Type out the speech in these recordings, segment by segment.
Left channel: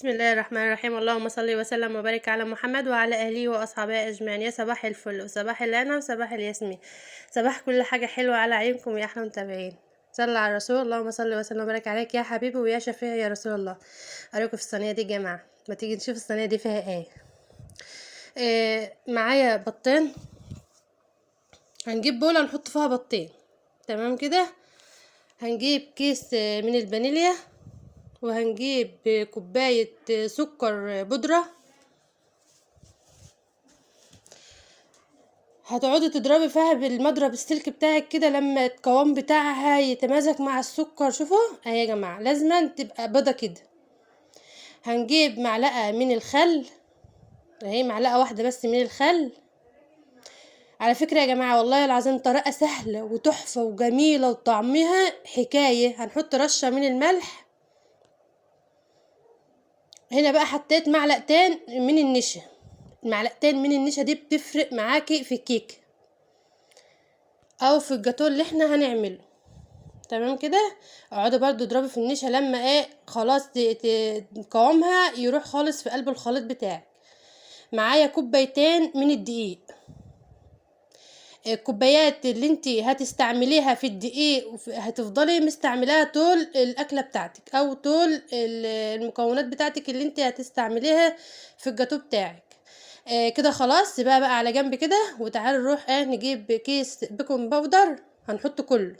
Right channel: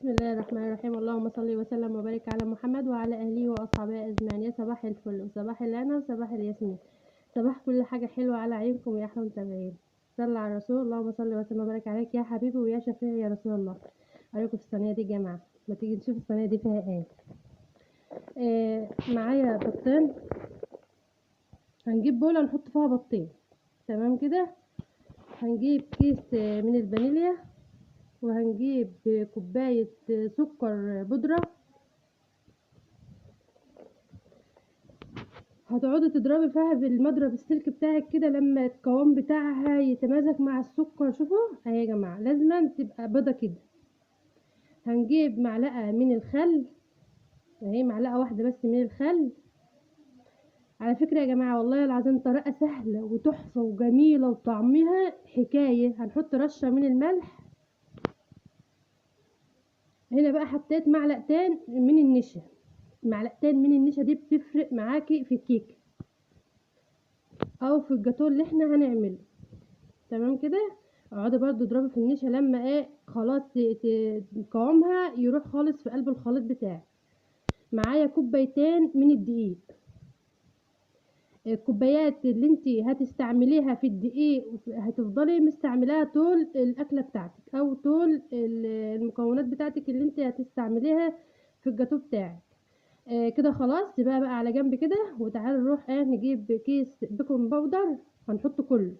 بسم الله الرحمن الرحيم. اللهم صل وسلم وبارك على محمد وعلى اهله واصحابه اجمعين. يا صباح الفل وصباح الهنا وصباح الياسمين، صباح كل حاجه حلوه على عيونكم يا احلى متابعين. صلى على الرسول. اللهم صل وسلم وبارك عليك يا حبيبي ويا شفيع يا رسول الله. اراكم في الصينيه دي يا جماعه، ما تيجي نشوف الصينيه دي فيها معايا بطين. هنجيب بوله نحط فيها بطين، تمام كده. هنجيب كيس من الفانيليا، وهنجيب كوبايه سكر بودره. هتقعدي تضربي فيها بالمضرب السلك بتاعك كده لما القوام بتاعها يتمازج مع السكر. شوفوا اهي يا جماعه، لازم تبقى بيضه كده. هنجيب معلقه من الخل، اهي معلقه واحده بس من الخل. على فكره يا جماعه والله العظيم طريقه سهله وتحفه وجميله وطعمها حكايه. هنحط رشه من الملح. هنا بقى حطيت معلقتين من النشا. المعلقتين من النشا دي بتفرق معاكي في الكيك او في الجاتو اللي احنا هنعمله، تمام كده. اقعدي برضو اضربي في النشا لما خلاص قوامها يروح خالص في قلب الخليط بتاعك. معايا كوبايتين من الدقيق. الكوبايات اللي انت هتستعمليها في الدقيق هتفضلي مستعملاها طول الاكله بتاعتك او طول المكونات بتاعتك اللي انت هتستعمليها في الجاتو بتاعك. كده خلاص سيبها بقى على جنب كده. وتعالي نروح نجيب كيس بيكنج باودر، هنحط كله.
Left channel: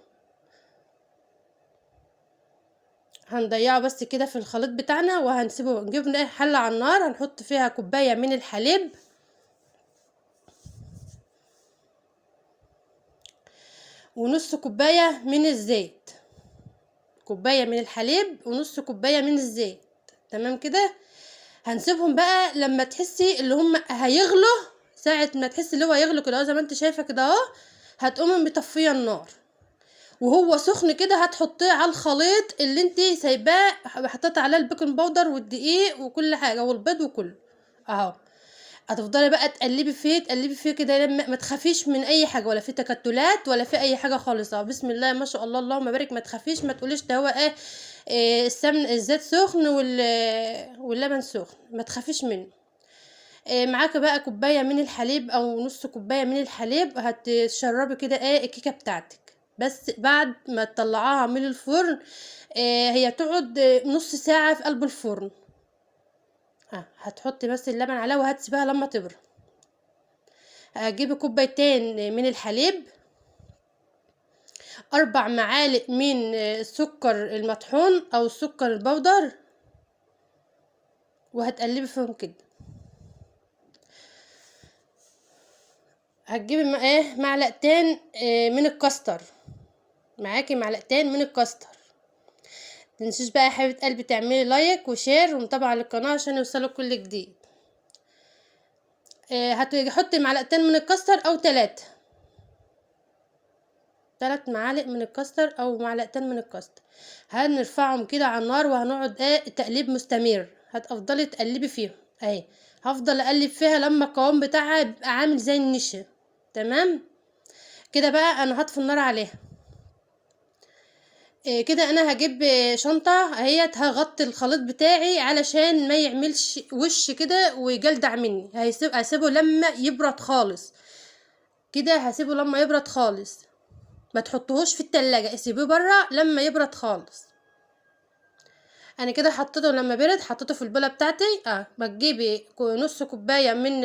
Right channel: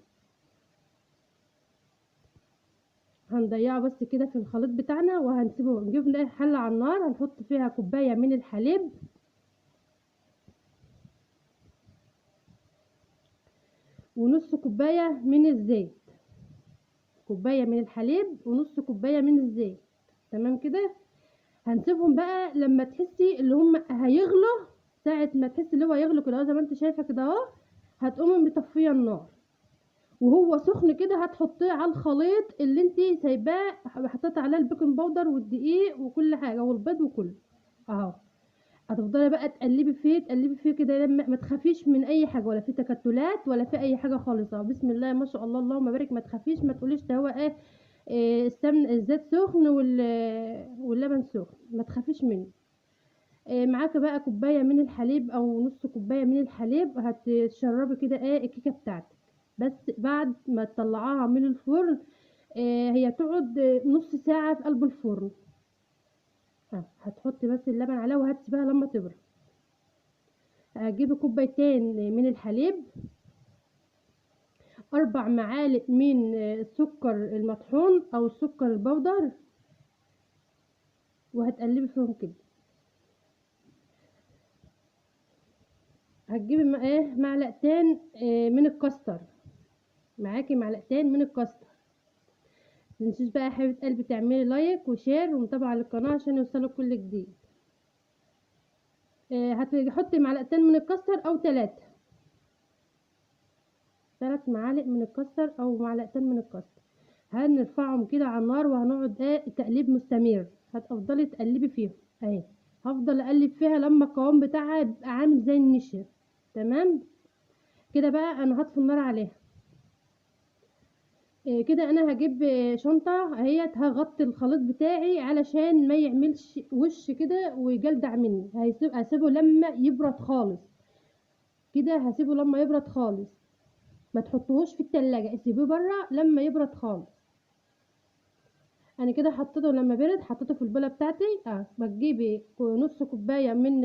هنضيعه بس كده في الخليط بتاعنا وهنسيبه. نجيب حله على النار، هنحط فيها كوبايه من الحليب، ونص كوبايه من الزيت. كوبايه من الحليب ونص كوبايه من الزيت، تمام كده. هنسيبهم بقى لما تحسي اللي هم هيغلوا. ساعه ما تحسي اللي هو هيغلوا كده زي ما انت شايفه كده اهو، هتقومي مطفيه النار. وهو سخن كده هتحطيه على الخليط اللي انت سايباه، حطيت عليه البيكنج باودر والدقيق وكل حاجه والبيض وكله اهو. هتفضلي بقى تقلبي فيه كده لما ما تخافيش من اي حاجه، ولا في تكتلات ولا في اي حاجه خالص. بسم الله ما شاء الله اللهم بارك. ما تخافيش، ما تقوليش ده هو السمن الزيت سخن واللبن سخن، ما تخافيش منه. معاك بقى كوبايه من الحليب او نص كوبايه من الحليب. هتشربي كده الكيكه بتاعتك. بس بعد ما تطلعاها من الفرن، هي تقعد نص ساعه في قلب الفرن. هتحطي بس اللبن عليها وهتسيبها لما تبرد. هجيبي كوبايتين من الحليب، 4 معالق من السكر المطحون او السكر البودر، وهتقلبي فيهم كده. هتجيبي معلقتين من الكاستر. معاكي معلقتين من الكاستر. متنسيش بقى يا حبيبه قلبي تعملي لايك وشير ومتابعه للقناه عشان يوصلك كل جديد. هتحطي معلقتين من الكاستر او 3 معالق من الكاستر او معلقتين من الكاستر. هنرفعهم كده على النار وهنقعد تقليب مستمر. هتفضلي تقلبي فيهم اهي. هفضل اقلب فيها لما القوام بتاعها يبقى عامل زي النشا، تمام كده. بقى انا هطفي النار عليها. كده انا هجيب شنطه اهيت، هغطي الخليط بتاعي علشان ما يعملش وش كده ويجلدع مني. هسيبه لما يبرد خالص كده. هسيبه لما يبرد خالص، ما تحطوهوش في التلاجة، اسيبيه برا لما يبرد خالص. انا كده حطيته لما برد، حطيته في البوله بتاعتي. بتجيبي نص كوبايه من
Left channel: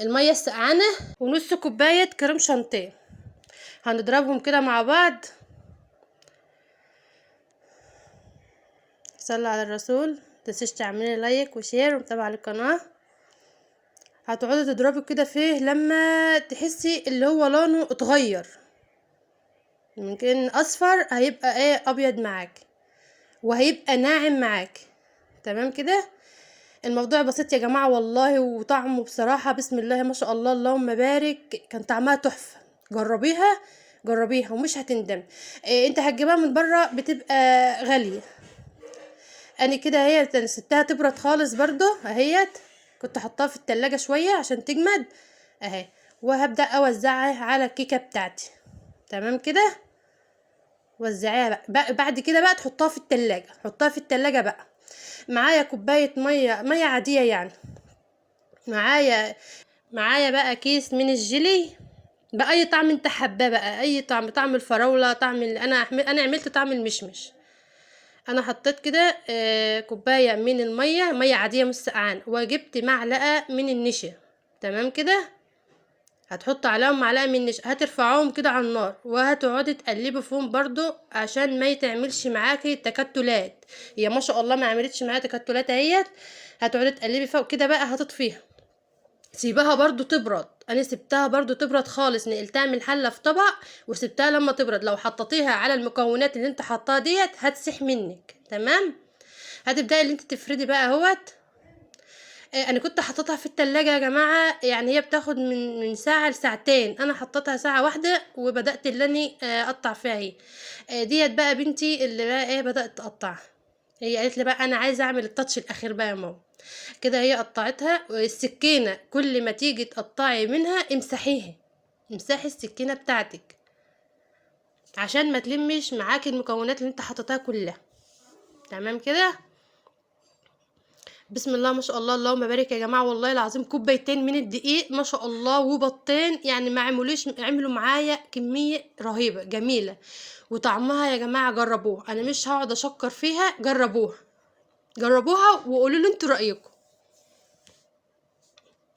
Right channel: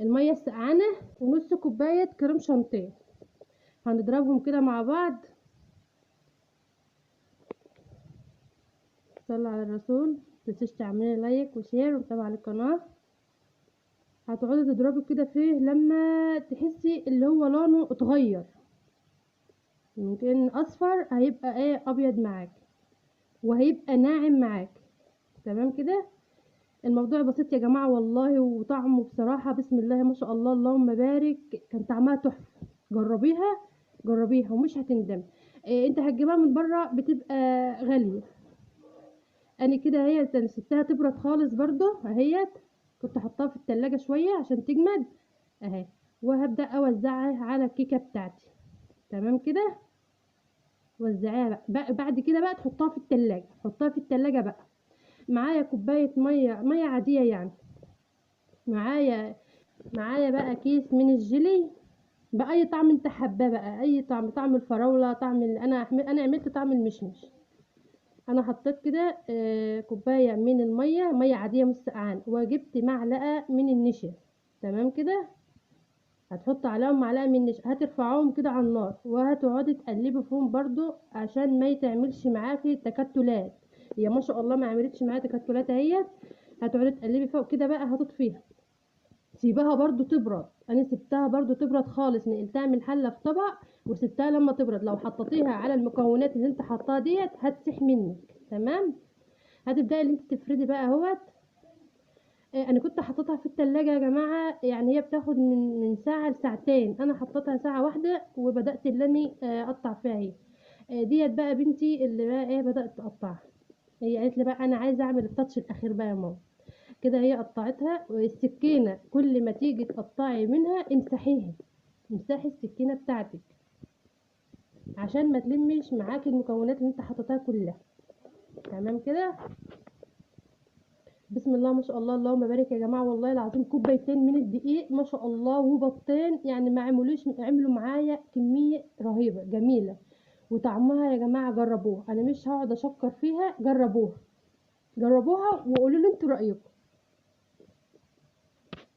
الميه السقعانه ونص كوبايه كريم شانتيه. هنضربهم كده مع بعض. صلى على الرسول. متنسيش تعملي لايك وشير ومتابعه القناه. هتقعدي تضربي كده فيه لما تحسي اللي هو لونه اتغير، ممكن اصفر هيبقى ابيض معاك وهيبقى ناعم معاك، تمام كده. الموضوع بسيط يا جماعه والله، وطعمه بصراحه بسم الله ما شاء الله اللهم بارك، كان طعمها تحفه. جربيها ومش هتندم. انت هتجيبها من بره بتبقى غاليه. انا كده هي سبتها تبرد خالص برضو اهيت. كنت حطاها في التلاجة شويه عشان تجمد اهي. وهبدا اوزعها على الكيكه بتاعتي، تمام كده. وزعيها بقى بعد كده بقى تحطها في التلاجة. حطها في التلاجة بقى معايا كوبايه ميه عاديه يعني. معايا بقى كيس من الجيلي باي طعم انت حباه بقى، اي طعم، طعم الفراوله، طعم انا عملت طعم المشمش. انا حطيت كده كوبايه من الميه، ميه عاديه مش سقعان، وجبت معلقه من النشا. تمام كده. هتحط عليهم معلقه من النشا، هترفعوهم كده على النار وهتقعدي تقلبي فيهم برضو عشان ما يتعملش معاكي تكتلات. هي ما شاء الله ما عملتش معايا تكتلات اهيت. هتقعدي تقلبي فوق كده بقى، هتطفيها، سيبها برضو تبرد. انا سبتها برضو تبرد خالص، نقلتها من الحله في طبق وسبتها لما تبرد. لو حطيتيها على المكونات اللي انت حطاها ديت هتسيح منك. تمام. هتبداي اللي انت تفردي بقى اهوت. انا كنت حطيتها في التلاجة يا جماعه، يعني هي بتاخد من ساعه لساعتين، انا حطيتها ساعه واحده وبدات اللي اني اقطع فيها اهي. ديت بقى بنتي اللي بقى ايه بدات تقطعها. هي قالت لي بقى انا عايزه اعمل التاتش الاخير بقى يا ماما. كده هي قطعتها، والسكينه كل ما تيجي تقطعي منها امسحيها، امسحي السكينه بتاعتك عشان ما تلمش معاكي المكونات اللي انت حطيتها كلها. تمام كده. بسم الله ما شاء الله، اللهم بارك يا جماعه، والله العظيم كوبايتين من الدقيق ما شاء الله وبطين، يعني ما عملوا معايا كميه رهيبه جميله. وطعمها يا جماعه جربوها، انا مش هقعد اشكر فيها، جربوها وقولوا لي انتوا رايكم.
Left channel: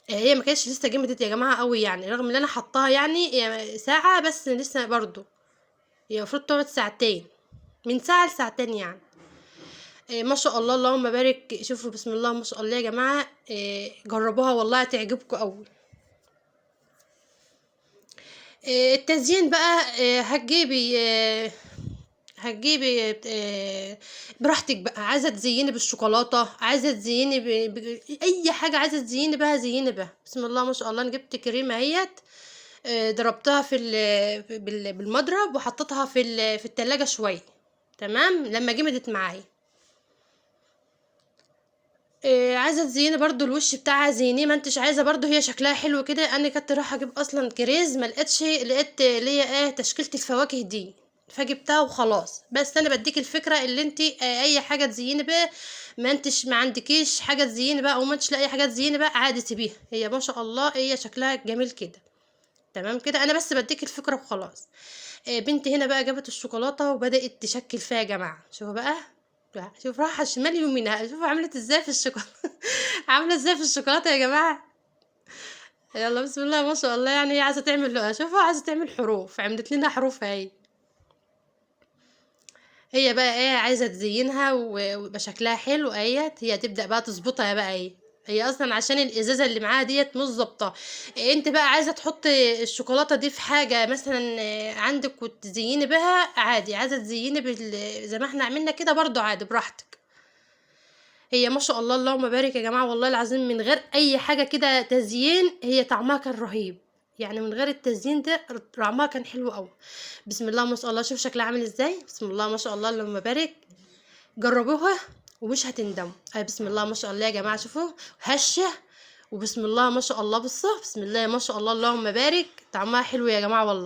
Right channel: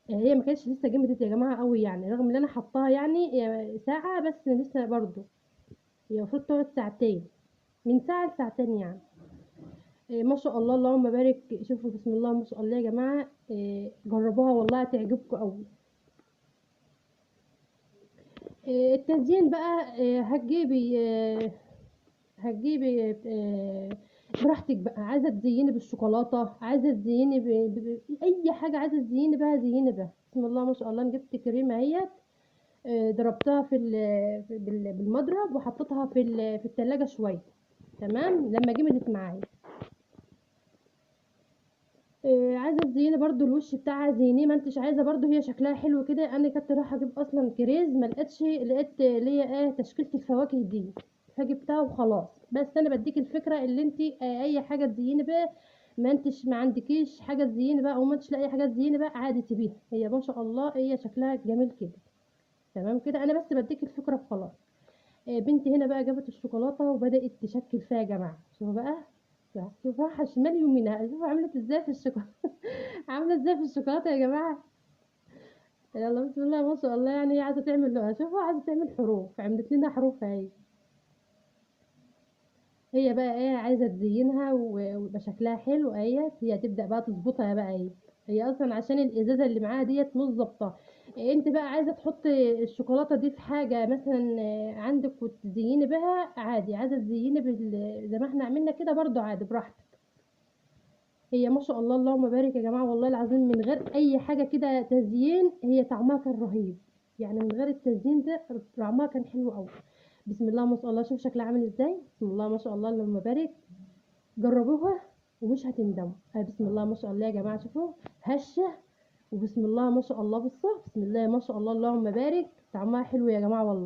هي ما كانتش لسه جمدت يا جماعه قوي يعني، رغم ان انا حطاها يعني ساعه بس لسه برضو. هي المفروض تقعد ساعتين، من ساعه لساعتين يعني. ما شاء الله اللهم بارك. شوفوا بسم الله ما شاء الله يا جماعه، جربوها والله هتعجبكم قوي. التزيين بقى هتجيبي براحتك بقى، عايزه تزيني بالشوكولاته، عايزه تزيني اي حاجه عايزه تزيني بها زيني بها. بسم الله ما شاء الله. انا جبت كريمه اهيت، ضربتها بالمضرب وحطيتها في التلاجة شويه. تمام. لما جمدت معايا، عايزه تزيني برضو الوش بتاعها زينيه، ما انتش عايزه برضو هي شكلها حلو كده. انا كنت رايحه اجيب اصلا كريز، ما لقيتش، لقيت اللي هي تشكيله الفواكه دي، فجبتها وخلاص. بس انا بديك الفكره اللي انت اي حاجه تزيني بقى، ما عندكيش حاجه تزيني بقى، او ما انتش لاقي حاجه تزيني بقى، عادي سيبيها، هي ما شاء الله هي شكلها جميل كده. تمام كده. انا بس بديك الفكره وخلاص. بنتي هنا بقى جابت الشوكولاته وبدات تشكل فيها يا جماعه. شوفوا بقى، شوف راحه شمال يمينها، شوفوا عملت ازاي في الشوكولاته. عامله ازاي في الشوكولاته يا جماعه. يلا بسم الله ما شاء الله، يعني هي عايزه تعمل، شوفوا عايزه تعمل حروف، عملت لنا حروف اهي. هي بقى عايزه تزينها ويبقى شكلها حلو اهيت. هي تبدا بقى تظبطها بقى هي اصلا عشان الازازه اللي معاها ديت مش ظابطه. انت بقى عايزه تحطي الشوكولاته دي في حاجه مثلا عندك وتزيني بها عادي، عايزه تزيني زي ما احنا عملنا كده برضو عادي براحتك. هي ما شاء الله اللهم بارك يا جماعه، والله العظيم من غير اي حاجه كده تزيين هي طعمها كان رهيب، يعني من غير التزيين ده طعمها كان حلو قوي. بسم الله ما شاء الله. شوف شكلها عامل ازاي. بسم الله ما شاء الله اللهم بارك. جربوها ومش هتندموا. بسم الله ما شاء الله يا جماعه، شوفوا هشه. وبسم الله ما شاء الله، بصوا بسم الله ما شاء الله اللهم بارك، طعمها حلو يا جماعه والله.